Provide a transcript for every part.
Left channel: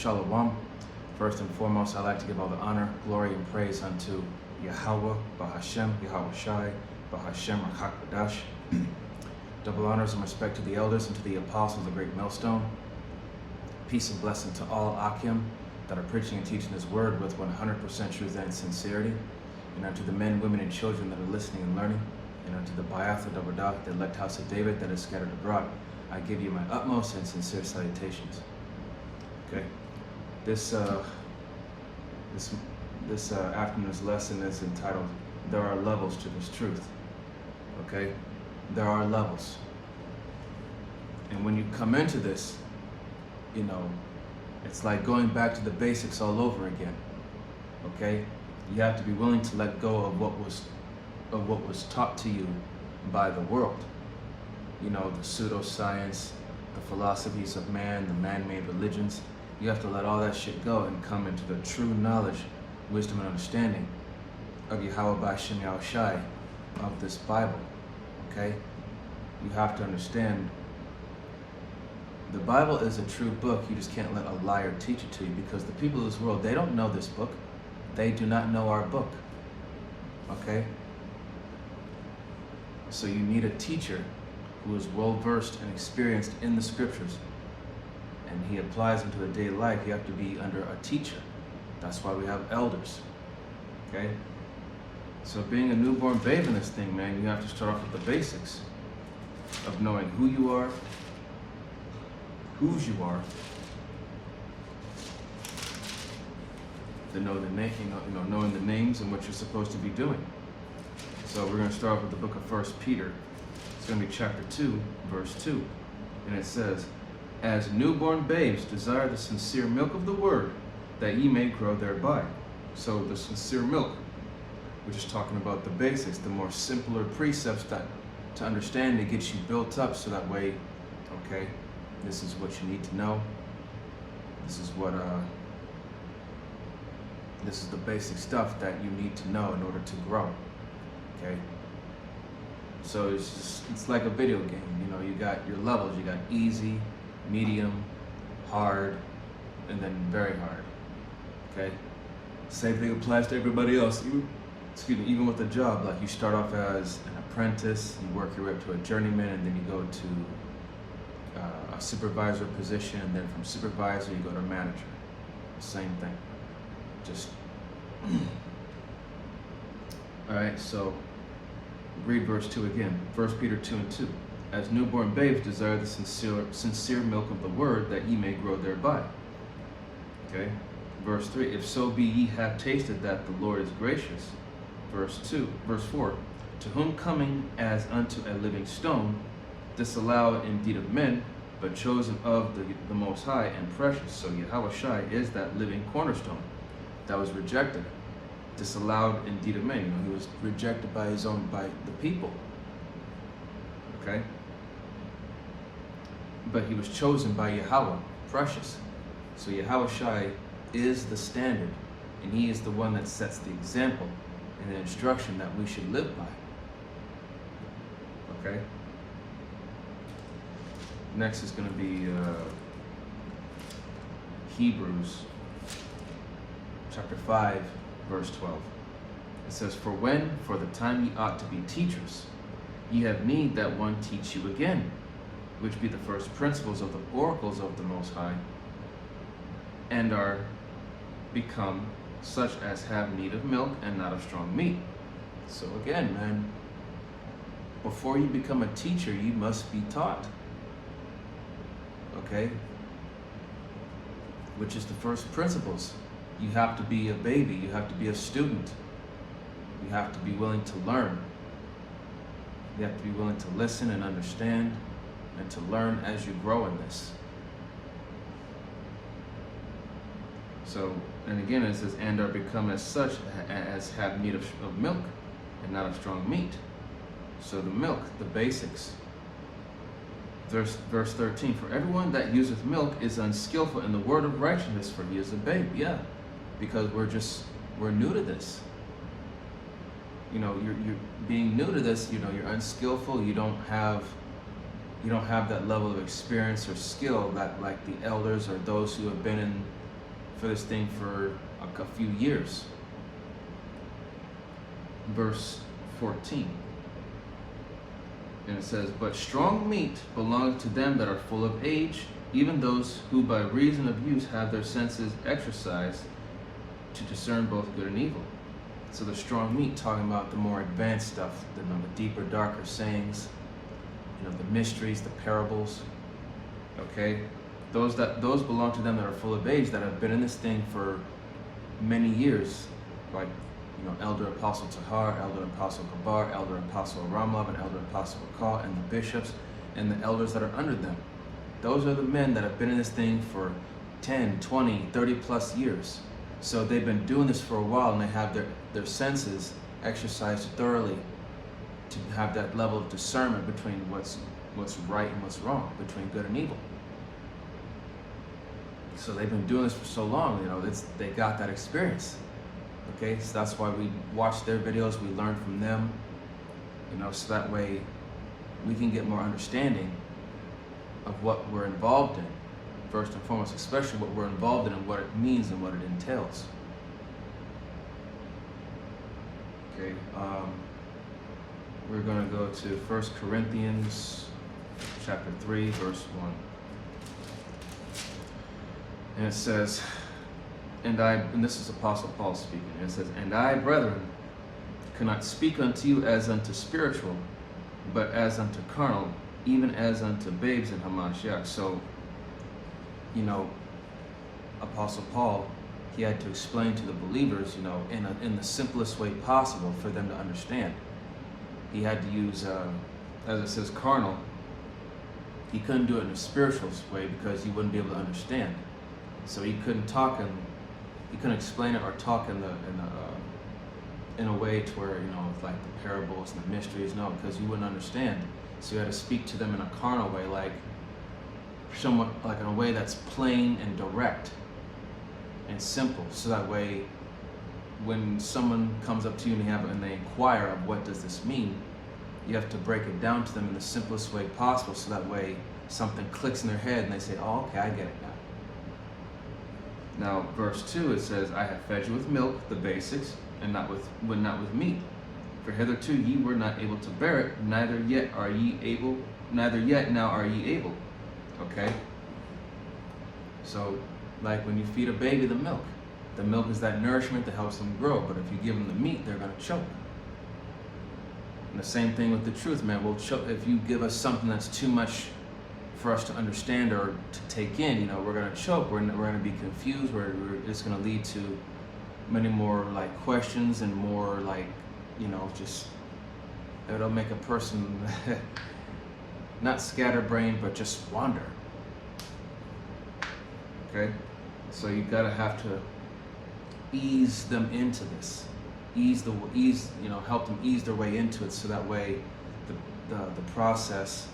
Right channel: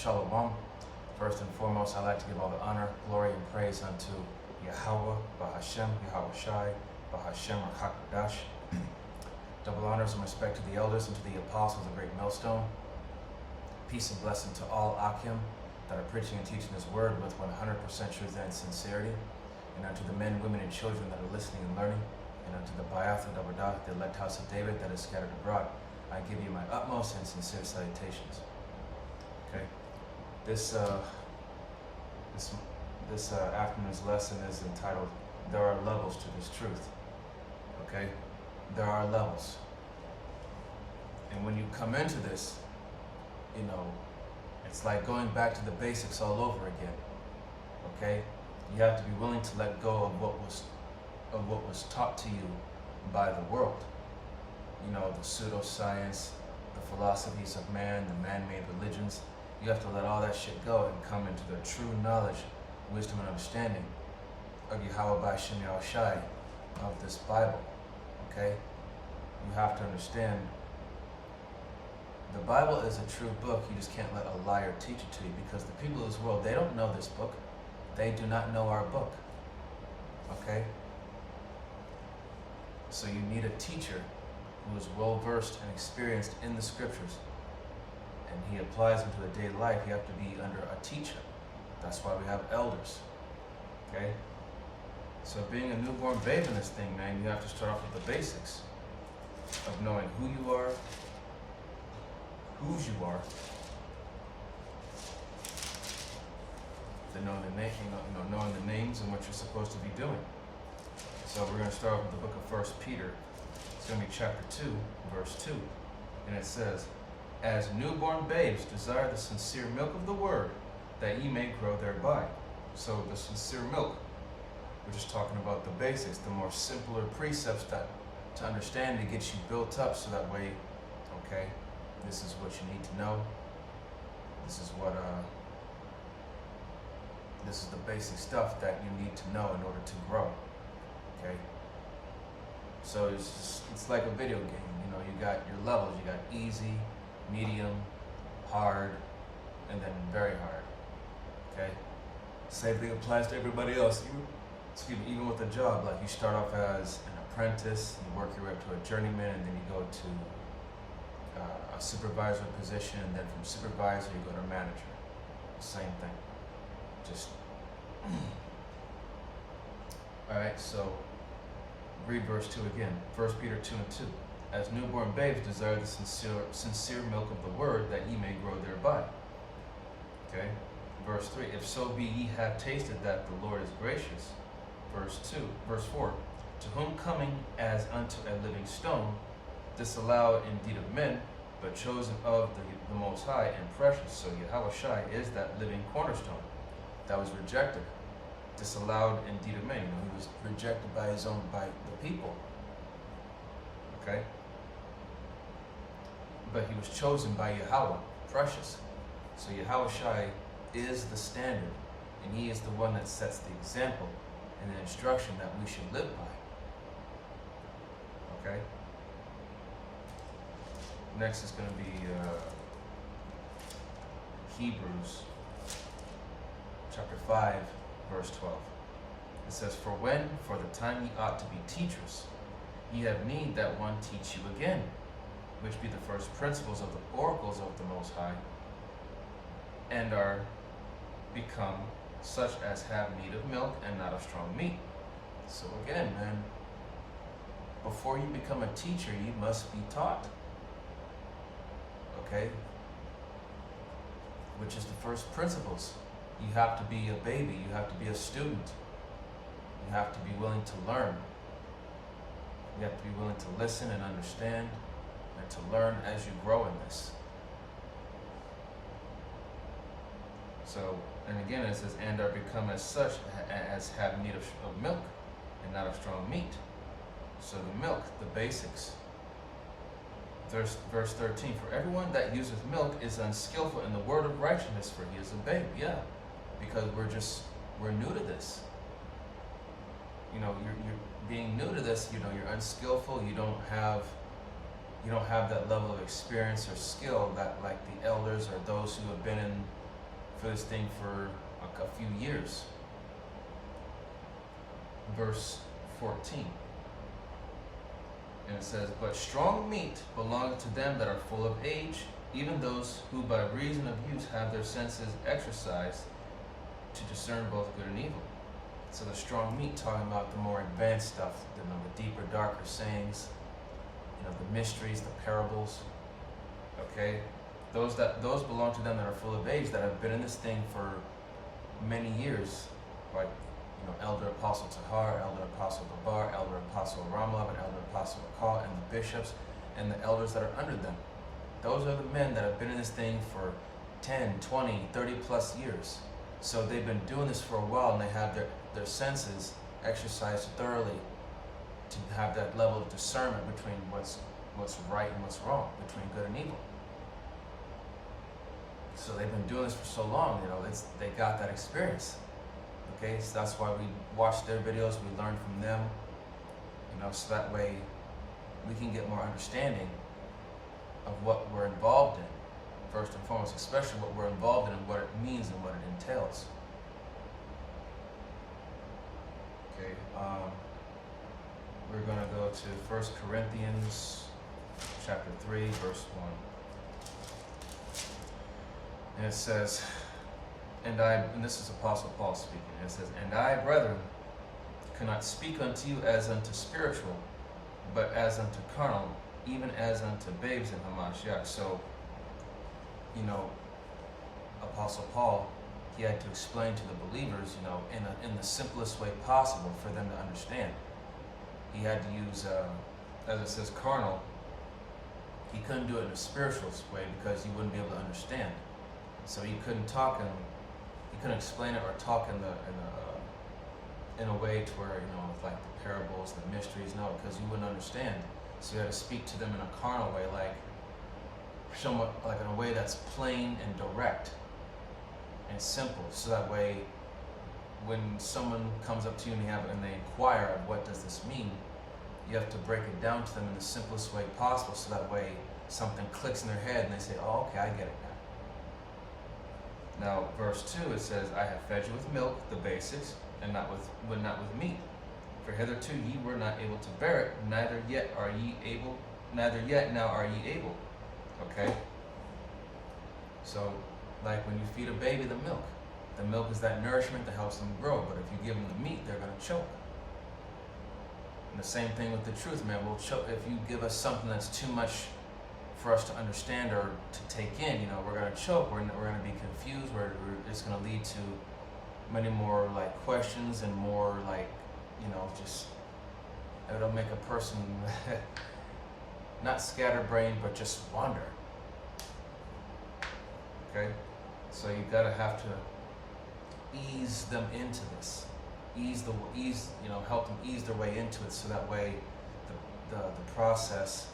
Shalom. First and foremost, I'd like to give all the honor, glory, and praise unto Yahweh, Bahashem, Yahweh Shai, Bahashem, Rakak Double honors and respect to the elders and to the apostles of the great millstone. Peace and blessing to all Akim that are preaching and teaching this word with 100% truth and sincerity. And unto the men, women, and children that are listening and learning. And unto the Bayath, the Dabadah, the elect house of David that is scattered abroad. I give you my utmost and sincere salutations. Okay, this afternoon's lesson is entitled, There Are Levels to This Truth. Okay, there are levels. And when you come into this, you know, it's like going back to the basics all over again. Okay, you have to be willing to let go of what was taught to you by the world. You know, the pseudoscience, the philosophies of man, the man-made religions. You have to let all that shit go and come into the true knowledge, wisdom, and understanding of Yahweh B'Shem Yahweh Shai, of this Bible. Okay, you have to understand the Bible is a true book. You just can't let a liar teach it to you, because the people of this world, they don't know this book. They do not know our book. Okay, so you need a teacher who is well-versed and experienced in the scriptures, and he applies into the daily life. You have to be under a teacher. That's why we have elders. Okay, so being a newborn babe in this thing, man, you have to start off with the basics of knowing who you are, whose you are, knowing the names and what you're supposed to be doing. So we're going to start with the book of 1 Peter. It's going to be chapter 2, verse 2. And it says, As newborn babes desire the sincere milk of the word, that ye may grow thereby. So the sincere milk, we're just talking about the basics, the more simpler precepts that to understand to get you built up, so that way, okay, this is what you need to know. This is what this is the basic stuff that you need to know in order to grow. Okay, so it's like a video game. You know, you got your levels. You got easy, medium, hard, and then very hard. Okay, same thing applies to everybody else. Even with a job, like you start off as an apprentice, you work your way up to a journeyman, and then you go to a supervisor position, and then from supervisor you go to manager. Same thing. Just all right. So read verse 2 again. 1 Peter 2 and 2. As newborn babes desire the sincere milk of the word, that ye may grow thereby. Okay. Verse 3. If so be ye have tasted that the Lord is gracious. Verse 4. To whom coming as unto a living stone, disallowed indeed of men, but chosen of the Most High and precious. So Yahweh Shai is that living cornerstone that was rejected, disallowed indeed of men. You know, he was rejected by the people. Okay, but he was chosen by Yahweh, precious. So Yahweh Shai is the standard, and he is the one that sets the example and the instruction that we should live by. Okay. Next is going to be Hebrews chapter 5, verse 12. It says, For the time ye ought to be teachers, ye have need that one teach you again, which be the first principles of the oracles of the Most High, and are become such as have need of milk and not of strong meat. So again, man, before you become a teacher, you must be taught. Okay? Which is the first principles. You have to be a baby. You have to be a student. You have to be willing to learn. You have to be willing to listen and understand and to learn as you grow in this. So, and again it says, and are become as such as have need of milk and not of strong meat. So the milk, the basics. Verse 13, for everyone that useth milk is unskillful in the word of righteousness, for he is a babe. Yeah, because we're new to this. You know, you're being new to this, you know, you're unskillful, you don't have that level of experience or skill that like the elders or those who have been for this thing for a few years. Verse 14. And it says, but strong meat belongeth to them that are full of age, even those who by reason of use have their senses exercised to discern both good and evil. So the strong meat talking about the more advanced stuff, the deeper, darker sayings, the mysteries, the parables. Okay, those belong to them that are full of age, that have been in this thing for many years, like Elder Apostle Tahar, Elder Apostle Gabar, Elder Apostle Ramlav, and Elder Apostle Rakal, and the bishops and the elders that are under them. Those are the men that have been in this thing for 10, 20, 30 plus years. So they've been doing this for a while, and they have their senses exercised thoroughly to have that level of discernment between what's right and what's wrong, between good and evil. So they've been doing this for so long, they got that experience. Okay, so that's why we watch their videos, we learn from them, so that way we can get more understanding of what we're involved in, first and foremost, especially what we're involved in and what it means and what it entails. Okay, we're going to go to 1 Corinthians chapter 3, verse 1. And it says, and this is Apostle Paul speaking, and it says, and I, brethren, cannot speak unto you as unto spiritual, but as unto carnal, even as unto babes in Hamashiach. So, Apostle Paul, he had to explain to the believers, in the simplest way possible for them to understand. He had to use, as it says, carnal. He couldn't do it in a spiritual way because you wouldn't be able to understand. So he couldn't talk he couldn't explain it or talk in a way to where, like the parables and the mysteries, no, because you wouldn't understand. So you had to speak to them in a carnal way, like somewhat like in a way that's plain and direct and simple. So that way, when someone comes up to you and they inquire of what does this mean, you have to break it down to them in the simplest way possible. So that way, something clicks in their head and they say, "Oh, okay, I get it now." Now, verse 2, it says, I have fed you with milk, the basics, and not with meat. For hitherto ye were not able to bear it, neither yet now are ye able. Okay? So, like when you feed a baby the milk is that nourishment that helps them grow, but if you give them the meat, they're going to choke. And the same thing with the truth, man. We'll choke if you give us something that's too much for us to understand or to take in, we're going to choke, we're going to be confused, it's going to lead to many more like questions and more like, just, it'll make a person not scatterbrained, but just wander. Okay? So you gotta have to ease them into this, help them ease their way into it, so that way the process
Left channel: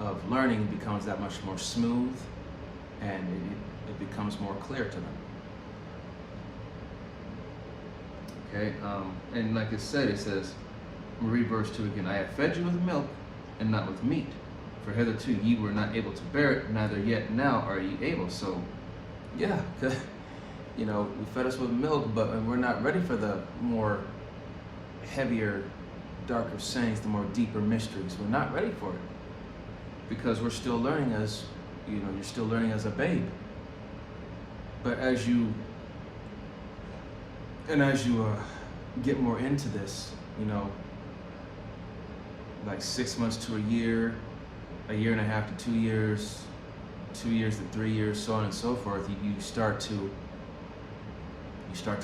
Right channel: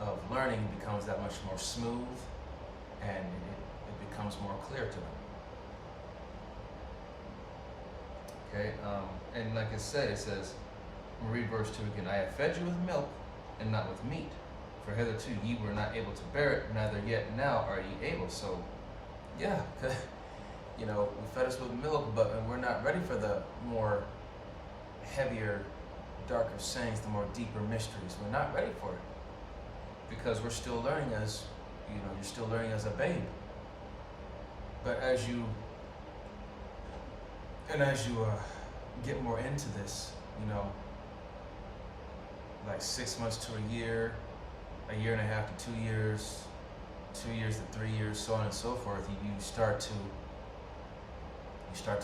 of learning becomes that much more smooth, and it becomes more clear to them. Okay, and like it says, we'll read verse 2 again. I have fed you with milk and not with meat, for hitherto ye were not able to bear it, neither yet now are ye able. So, yeah, we fed us with milk, but we're not ready for the more heavier, darker sayings, the more deeper mysteries. We're not ready for it, because we're still learning as, you're still learning as a babe. But as you get more into this, like 6 months to a year and a half to 2 years, 2 years to 3 years, so on and so forth, you start to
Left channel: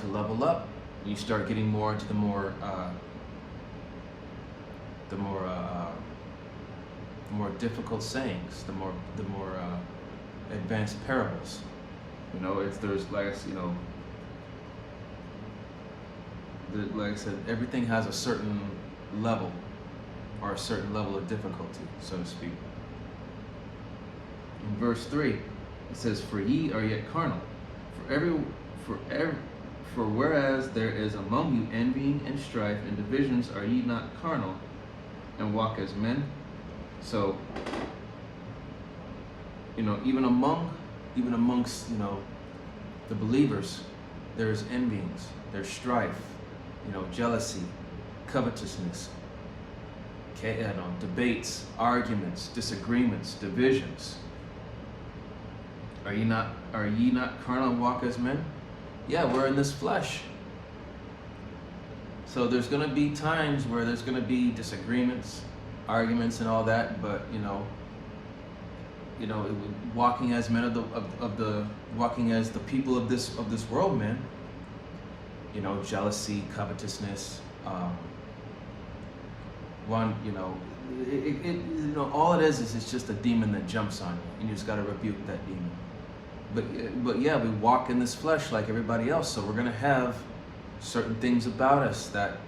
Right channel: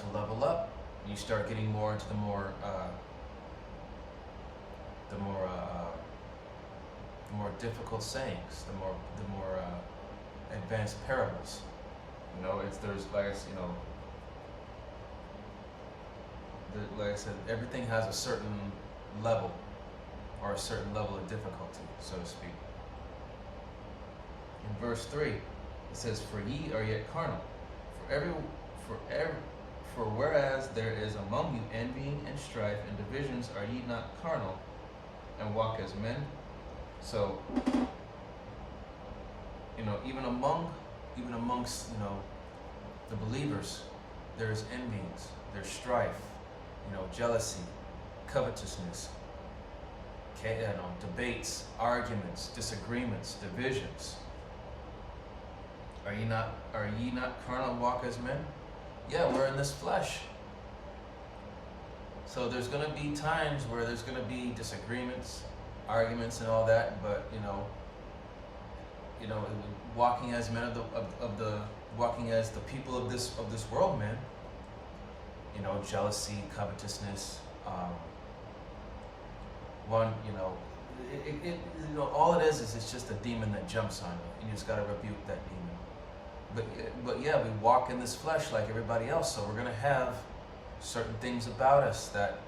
level up. You start getting more into the more difficult sayings, the more advanced parables. If there's like I said, everything has a certain level, or a certain level of difficulty, so to speak. In verse 3, it says, "For ye are yet carnal. For whereas there is among you envying and strife and divisions, are ye not carnal, and walk as men?" So, even amongst the believers, there is envyings, there's strife, jealousy, covetousness, debates, arguments, disagreements, divisions. Are ye not carnal and walk as men? Yeah, we're in this flesh. So there's going to be times where there's going to be disagreements, arguments, and all that. But walking as men walking as the people of this world, man. Jealousy, covetousness. All it is it's just a demon that jumps on you, and you just got to rebuke that demon. But yeah, we walk in this flesh like everybody else, so we're going to have certain things about us that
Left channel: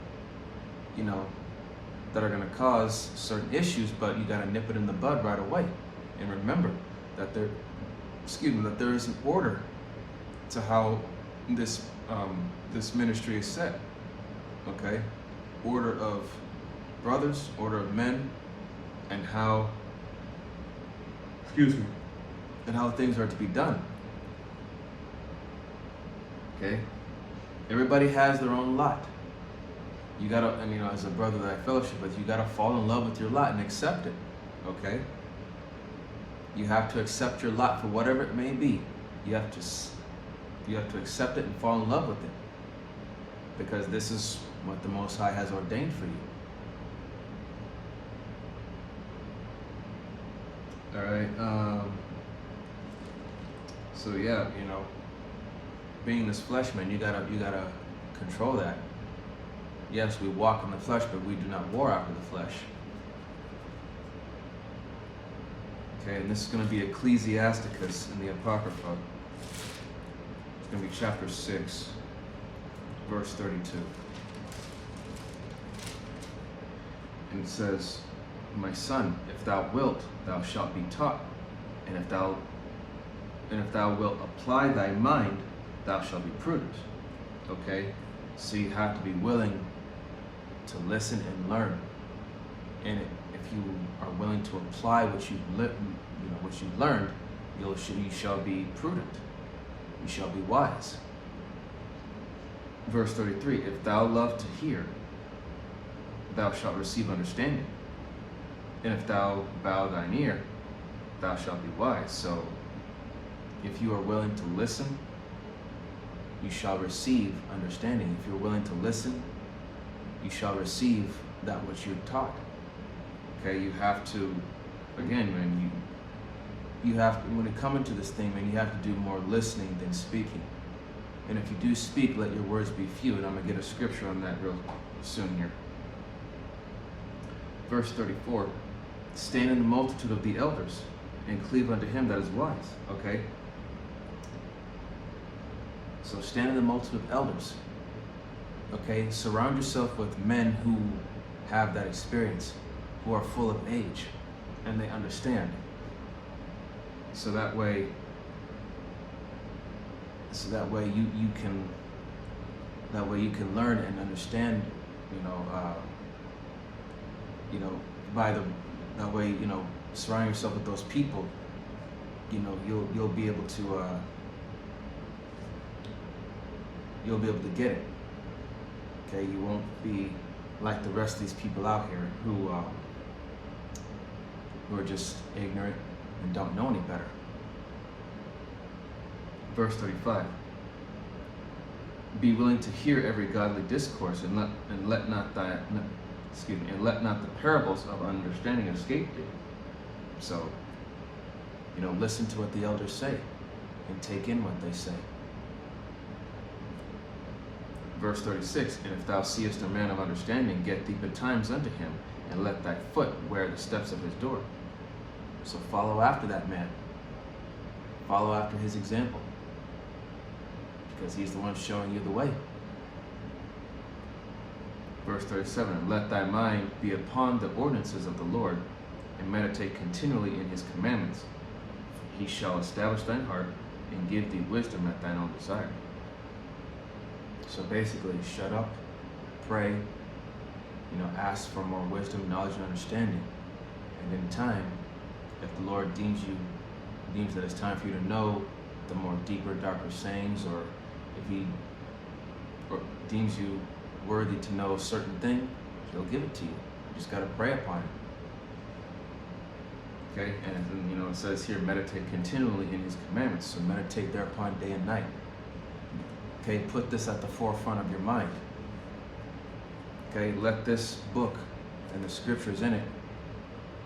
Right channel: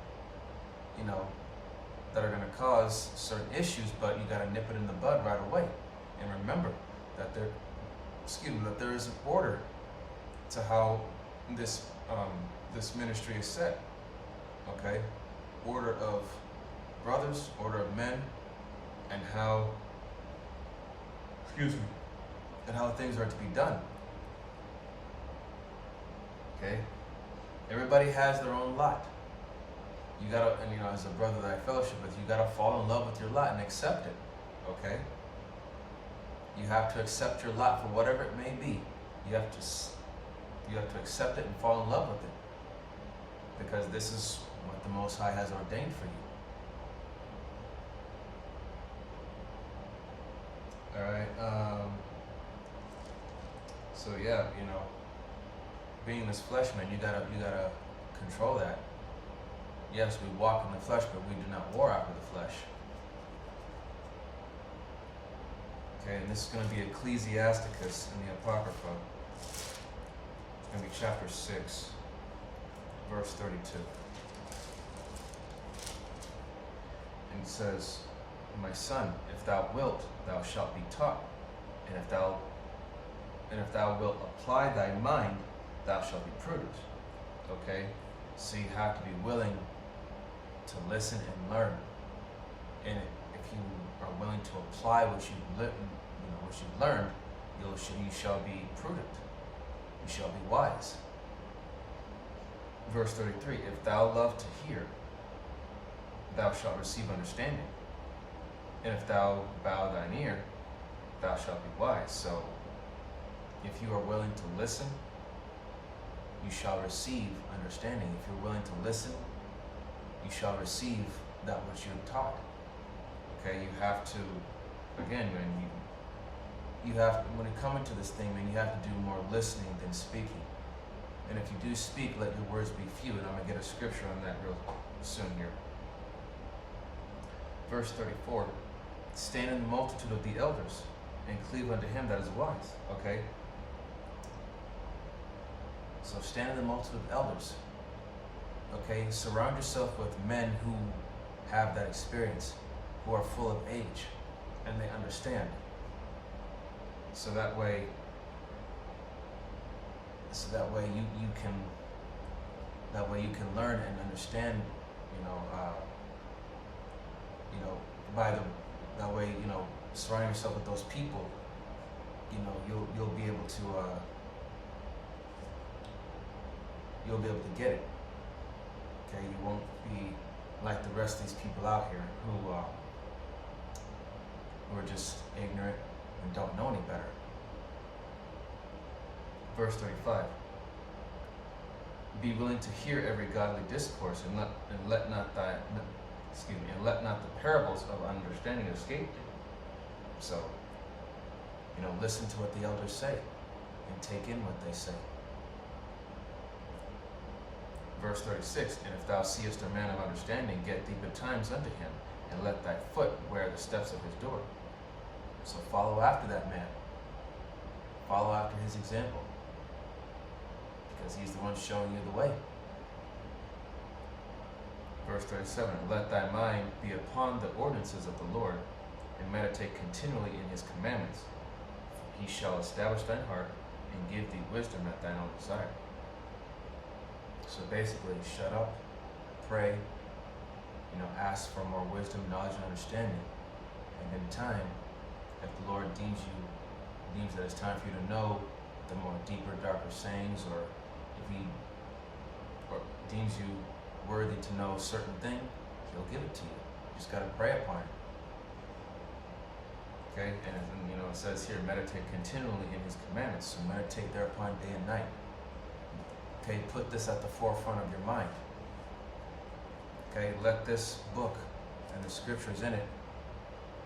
that are going to cause certain issues, but you got to nip it in the bud right away. And remember that there is an order to how this ministry is set. Okay? Order of brothers, order of men, and how things are to be done. Okay? Everybody has their own lot. You gotta, as a brother that I fellowship with, you gotta fall in love with your lot and accept it. Okay? You have to accept your lot for whatever it may be. You have to accept it and fall in love with it, because this is what the Most High has ordained for you. All right. So yeah, being this flesh, man, you gotta control that. Yes, we walk in the flesh, but we do not war after the flesh. Okay, and this is going to be Ecclesiasticus in the Apocrypha. It's going to be chapter 6, verse 32. And it says, "My son, if thou wilt, thou shalt be taught, and if thou wilt apply thy mind, thou shalt be prudent." Okay, so you have to be willing to listen and learn, and if you are willing to apply what you've learned, you shall be prudent. You shall be wise. Verse 33: "If thou love to hear, thou shalt receive understanding, and if thou bow thine ear, thou shalt be wise." So, if you are willing to listen, you shall receive understanding. If you're willing to listen, you shall receive that which you're taught. Okay, you have to, again, man, you have to, when you come into this thing, man, you have to do more listening than speaking. And if you do speak, let your words be few. And I'm going to get a scripture on that real soon here. Verse 34, "Stand in the multitude of the elders, and cleave unto him that is wise." Okay? So stand in the multitude of elders. Okay? Surround yourself with men who have that experience, who are full of age, and they understand. So that way you can learn and understand, surround yourself with those people, you'll be able to get it. Okay, you won't be like the rest of these people out here who are just ignorant and don't know any better. Verse 35, "Be willing to hear every godly discourse, and let not the parables of understanding escape thee." So, listen to what the elders say and take in what they say. Verse 36, "And if thou seest a man of understanding, get thee betimes unto him, and let thy foot wear the steps of his door." So follow after that man. Follow after his example, because he's the one showing you the way. Verse 37, "And let thy mind be upon the ordinances of the Lord, and meditate continually in his commandments. He shall establish thine heart, and give thee wisdom at thine own desire." So basically, shut up, pray, ask for more wisdom, knowledge, and understanding. And in time, if the Lord deems that it's time for you to know the more deeper, darker sayings, or if he deems you worthy to know a certain thing, he'll give it to you. You just got to pray upon it. Okay, and then, it says here, meditate continually in his commandments. So meditate thereupon day and night. Okay, put this at the forefront of your mind. Okay, let this book and the scriptures in it,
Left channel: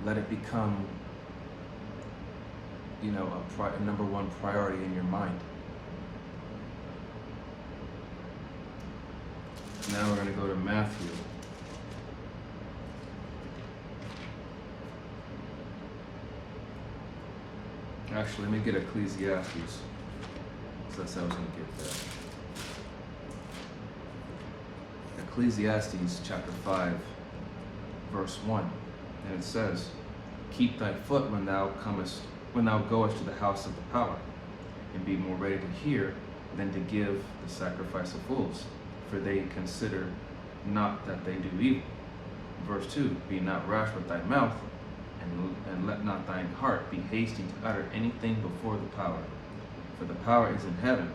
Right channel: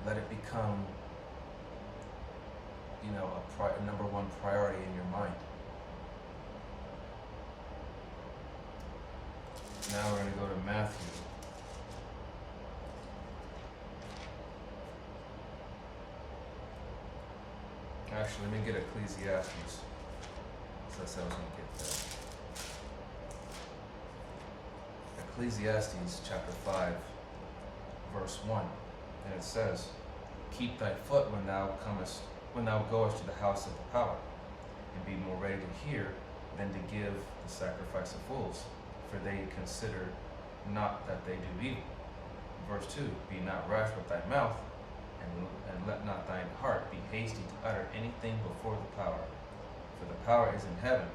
let it become, a number one priority in your mind. Now we're going to go to Matthew. Actually, let me get Ecclesiastes. So that's how I was going to get there. Ecclesiastes chapter 5, verse 1. And it says, keep thy foot when thou goest to the house of the power, and be more ready to hear than to give the sacrifice of fools, for they consider not that they do evil. Verse 2, be not rash with thy mouth, and let not thine heart be hasty to utter anything before the power. For the power is in heaven,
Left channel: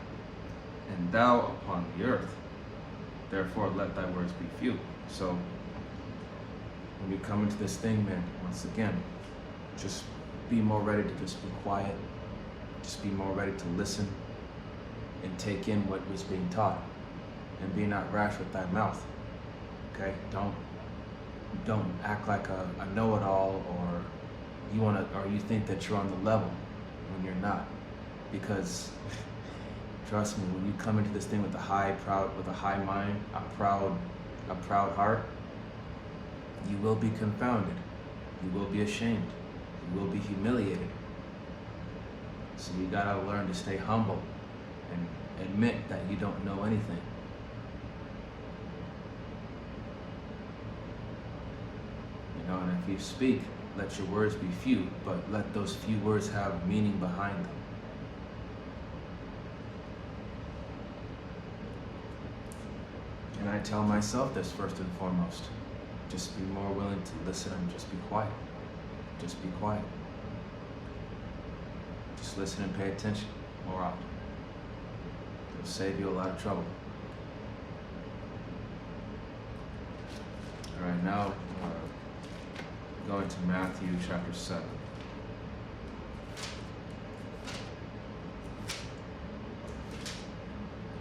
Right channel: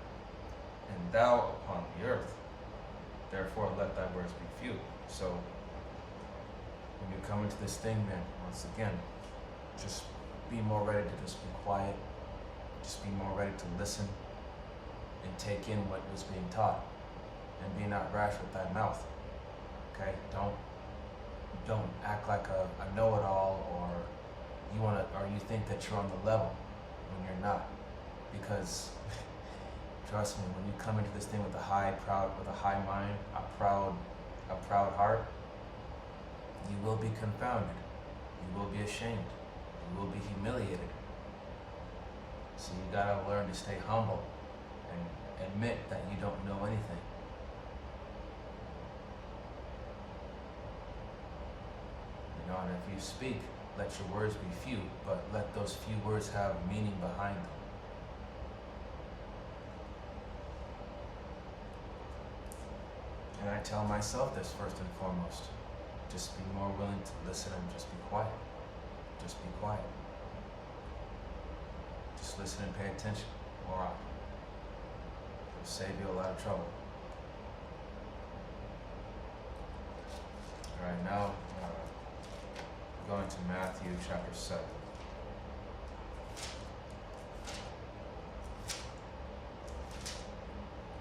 and thou upon the earth. Therefore let thy words be few. So, when you come into this thing, man, once again, just be more ready to just be quiet. Just be more ready to listen and take in what was being taught. And be not rash with thy mouth. Okay? Don't act like a know-it-all, or you think that you're on the level when you're not. Because trust me, when you come into this thing with a high mind, a proud heart, you will be confounded. You will be ashamed. You will be humiliated. So you gotta learn to stay humble and admit that you don't know anything. And if you speak, let your words be few, but let those few words have meaning behind them. And I tell myself this first and foremost. Just be more willing to listen and just be quiet. Just be quiet. Just listen and pay attention more often. It'll save you a lot of trouble. All right, now going to Matthew chapter 7.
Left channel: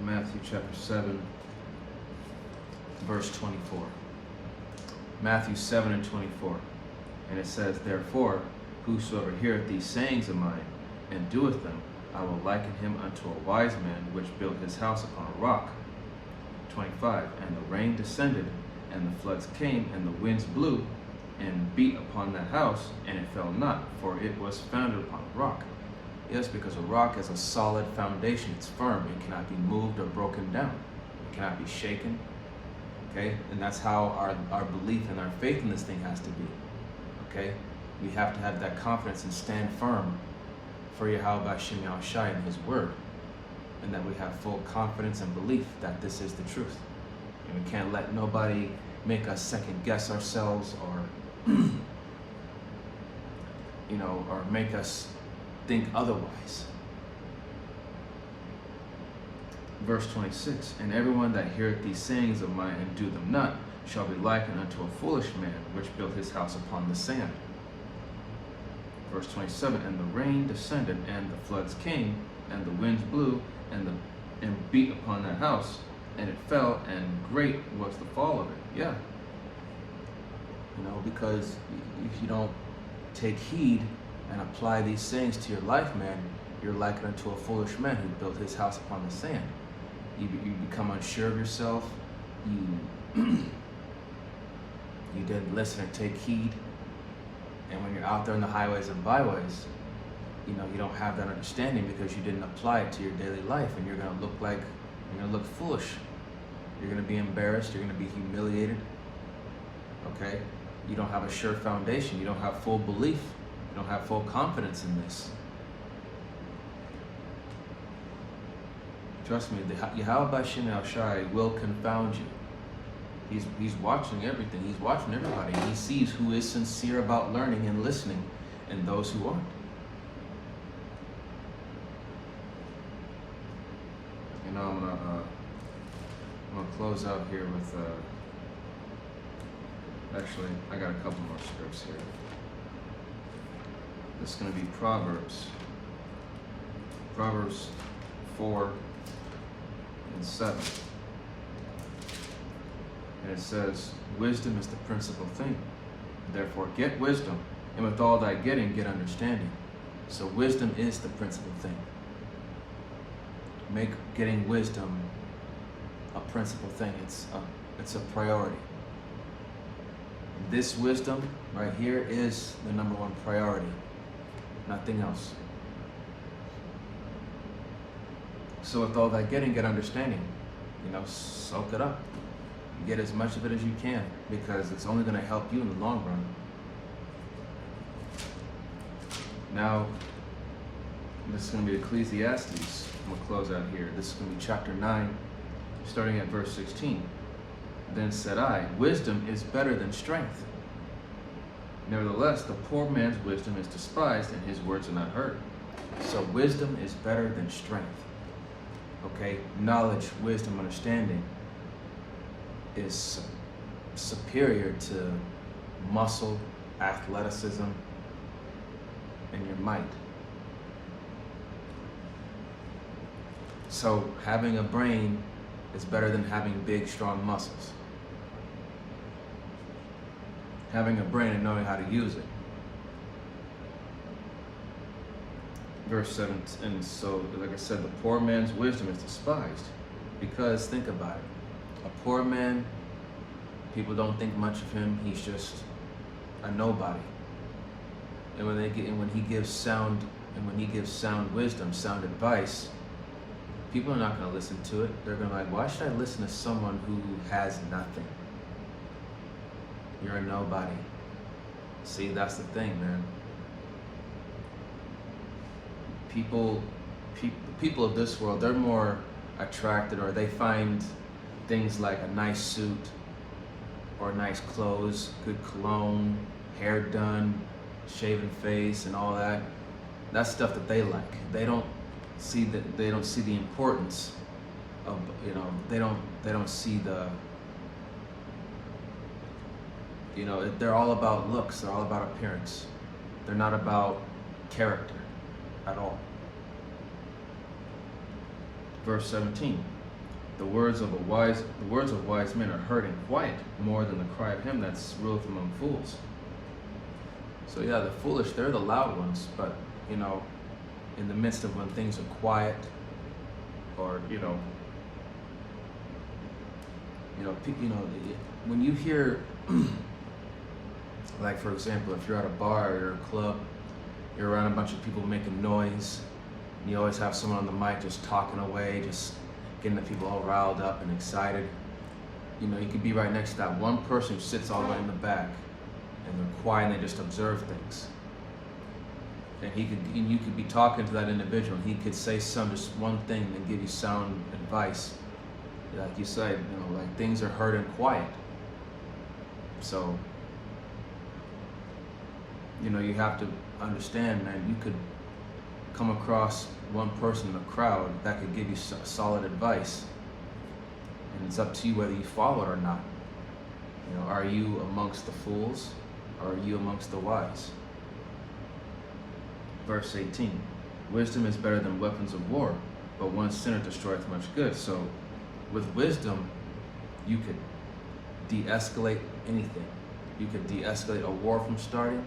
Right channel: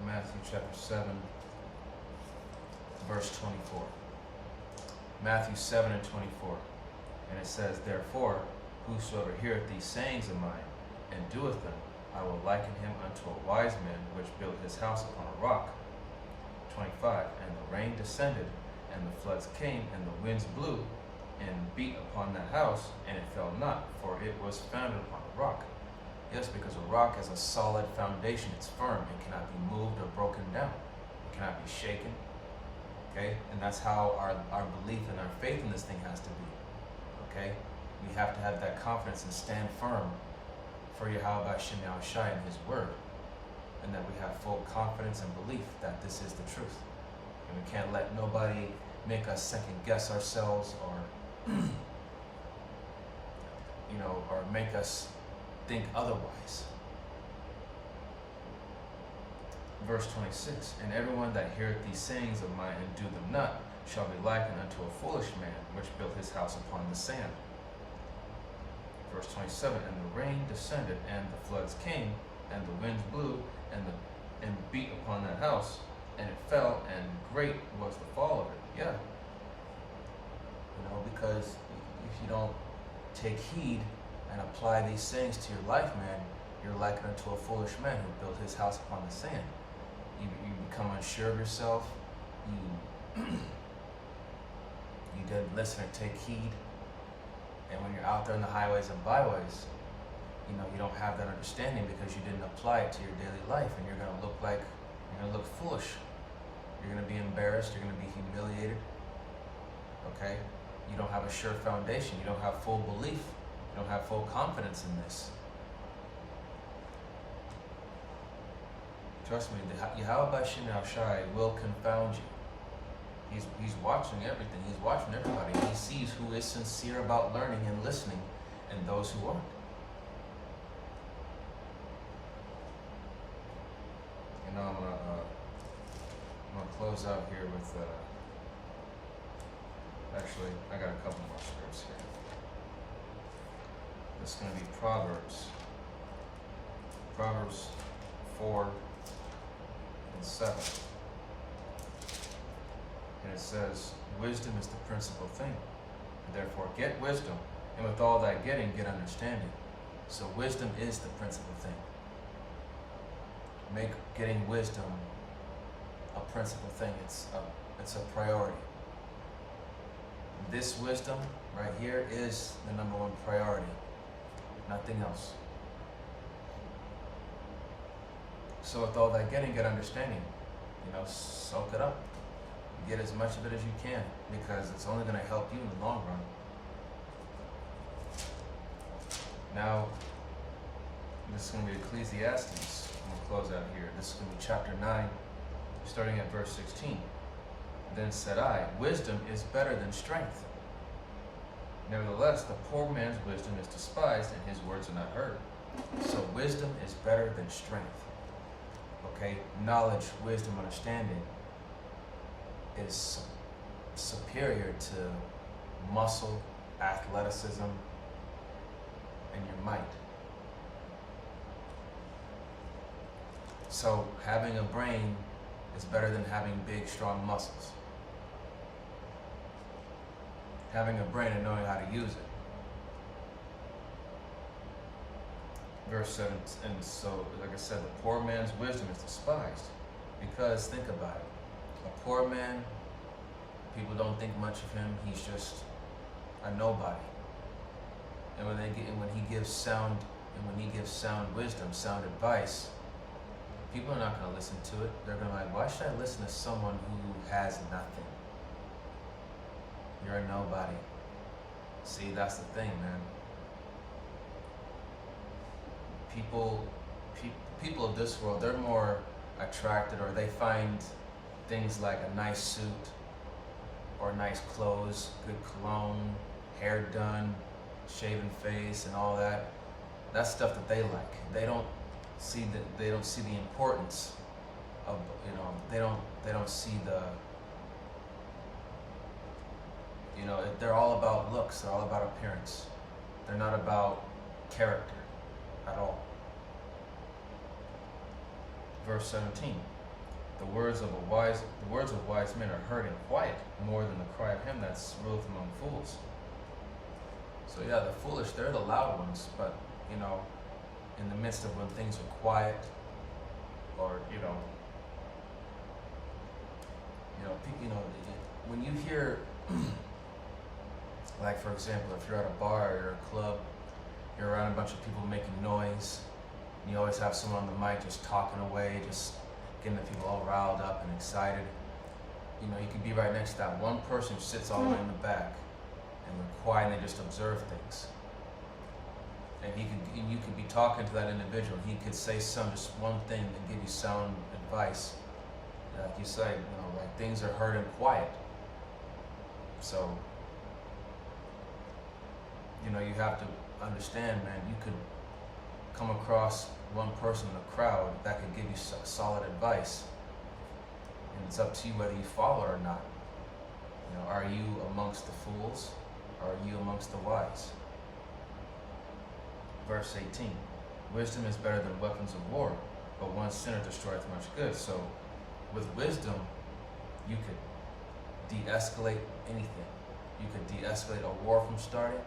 Matthew chapter 7, verse 24. Matthew 7 and 24. And it says, therefore, whosoever heareth these sayings of mine, and doeth them, I will liken him unto a wise man, which built his house upon a rock. 25. And the rain descended, and the floods came, and the winds blew, and beat upon that house, and it fell not, for it was founded upon a rock. Yes, because a rock is a solid foundation. It's firm. It cannot be moved or broken down. It cannot be shaken. Okay? And that's how our belief and our faith in this thing has to be. Okay? We have to have that confidence and stand firm for Yahweh B'Shem Yahushai and his word. And that we have full confidence and belief that this is the truth. And we can't let nobody make us second guess ourselves, or or make us think otherwise. Verse 26, and everyone that heareth these sayings of mine and do them not shall be likened unto a foolish man, which built his house upon the sand. Verse 27, and the rain descended, and the floods came, and the winds blew, and beat upon that house, and it fell, and great was the fall of it. Yeah. Because if you don't take heed and apply these sayings to your life, man, you're likened unto a foolish man who built his house upon the sand. You become unsure of yourself. You didn't listen or take heed. And when you're out there on the highways and byways, you don't have that understanding because you didn't apply it to your daily life, and you're gonna look foolish. You're gonna be embarrassed. You're gonna be humiliated. Okay? You don't have a sure foundation. You don't have full belief. You don't have full confidence in this. Trust me, the Yahweh B'Shem Yahushai will confound you. He's watching everything. He's watching everybody. He sees who is sincere about learning and listening, and those who aren't. I'm gonna close out here with. Actually, I got a couple more scripts here. This is gonna be Proverbs 4:7, and it says, "Wisdom is the principal thing. Therefore, get wisdom, and with all thy getting, get understanding." So wisdom is the principal thing. Make getting wisdom a principal thing. It's a priority. This wisdom right here is the number one priority. Nothing else. So with all that getting, get understanding. Soak it up. Get as much of it as you can, because it's only going to help you in the long run. Now, this is going to be Ecclesiastes. I'm going to close out here. This is going to be chapter 9, starting at verse 16. "Then said I, wisdom is better than strength. Nevertheless, the poor man's wisdom is despised, and his words are not heard." So wisdom is better than strength. Okay? Knowledge, wisdom, understanding is superior to muscle, athleticism, and your might. So having a brain is better than having big, strong muscles. Having a brain and knowing how to use it. Verse 7, and so, like I said, the poor man's wisdom is despised. Because, think about it. A poor man, people don't think much of him. He's just a nobody. And when he gives sound wisdom, sound advice, people are not going to listen to it. They're going to be like, why should I listen to someone who has nothing? You're a nobody. See, that's the thing, man. People of this world, they're more attracted, or they find things like a nice suit, or nice clothes, good cologne, hair done, shaven face, and all that. That's stuff that they like. They don't see the importance of, they don't see the, they're all about looks. They're all about appearance. They're not about character at all. Verse 17. The words of wise men are heard in quiet, more than the cry of him that ruleth among fools. So yeah, the foolish, they're the loud ones, but in the midst of when things are quiet, or when you hear, like for example, if you're at a bar or you're at a club, you're around a bunch of people making noise, and you always have someone on the mic just talking away, just getting the people all riled up and excited. You could be right next to that one person who sits all the way in the back, and they're quiet and they just observe things. And you could be talking to that individual, and he could say just one thing and give you sound advice. Like you said, like things are heard in quiet. So, you have to understand, man, you could come across one person in a crowd that could give you solid advice, and it's up to you whether you follow it or not. Are you amongst the fools, or are you amongst the wise? Verse 18, wisdom is better than weapons of war, but one sinner destroyeth much good. So with wisdom, you could de-escalate anything. You could de-escalate a war from starting.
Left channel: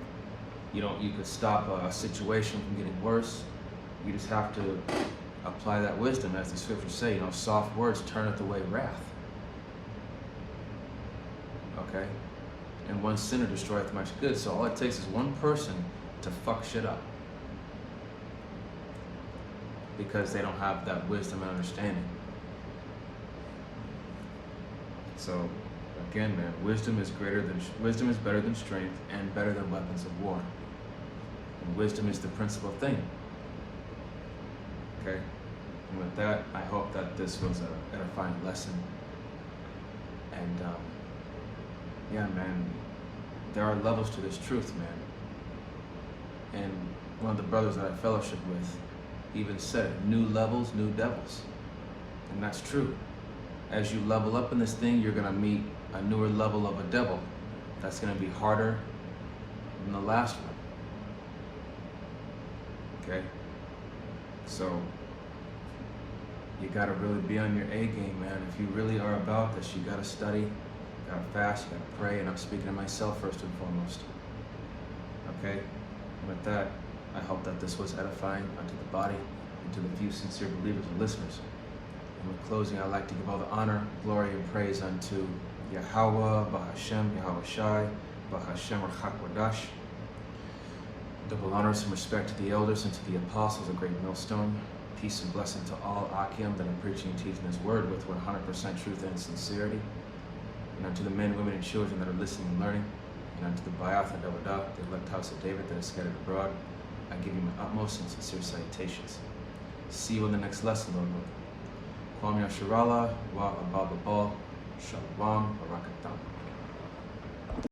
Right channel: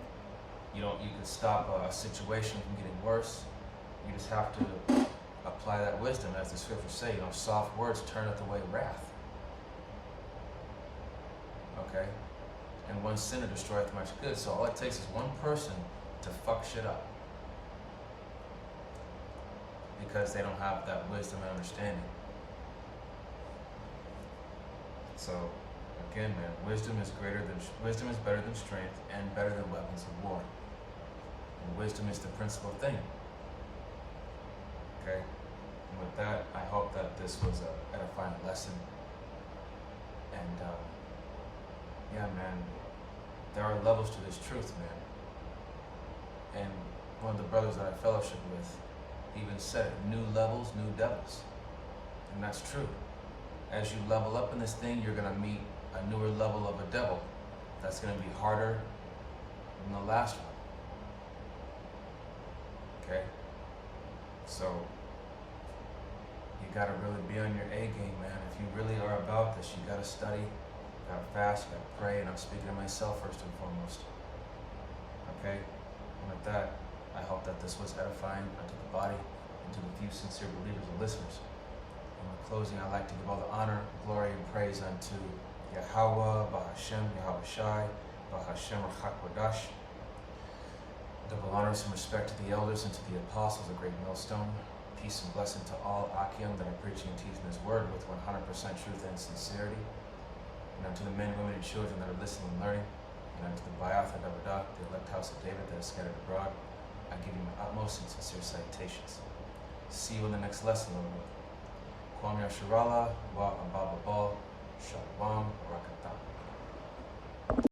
You could stop a situation from getting worse. You just have to apply that wisdom, as the scriptures say, soft words turneth away wrath. Okay? And one sinner destroyeth much good. So all it takes is one person to fuck shit up, because they don't have that wisdom and understanding. So again, man, wisdom is better than strength, and better than weapons of war. And wisdom is the principal thing. Okay? And with that, I hope that this was an edifying lesson. And yeah, man, there are levels to this truth, man. And one of the brothers that I fellowship with even said it, new levels, new devils. And that's true. As you level up in this thing, you're gonna meet a newer level of a devil that's gonna be harder than the last one. Okay? So, you gotta really be on your A game, man. If you really are about this, you gotta study, you gotta fast, you gotta pray, and I'm speaking to myself first and foremost. Okay? And with that, I hope that this was edifying unto the body and to the few sincere believers and listeners. And with closing, I'd like to give all the honor, glory, and praise unto Yahweh, Bahashem, Yahweh Shai, Bahashem, Rachakwadash. Double honors and respect to the elders and to the apostles, a great millstone. Peace and blessing to all Akim that are preaching and teaching His word with 100% truth and sincerity. And unto the men, women, and children that are listening and learning. And unto the Bayath and Davadah, the elect house of David that is scattered abroad, I give you my utmost and sincere salutations. See you in the next lesson, Lord. Kwam Yasharala wa Ababa Shalom Barakatam.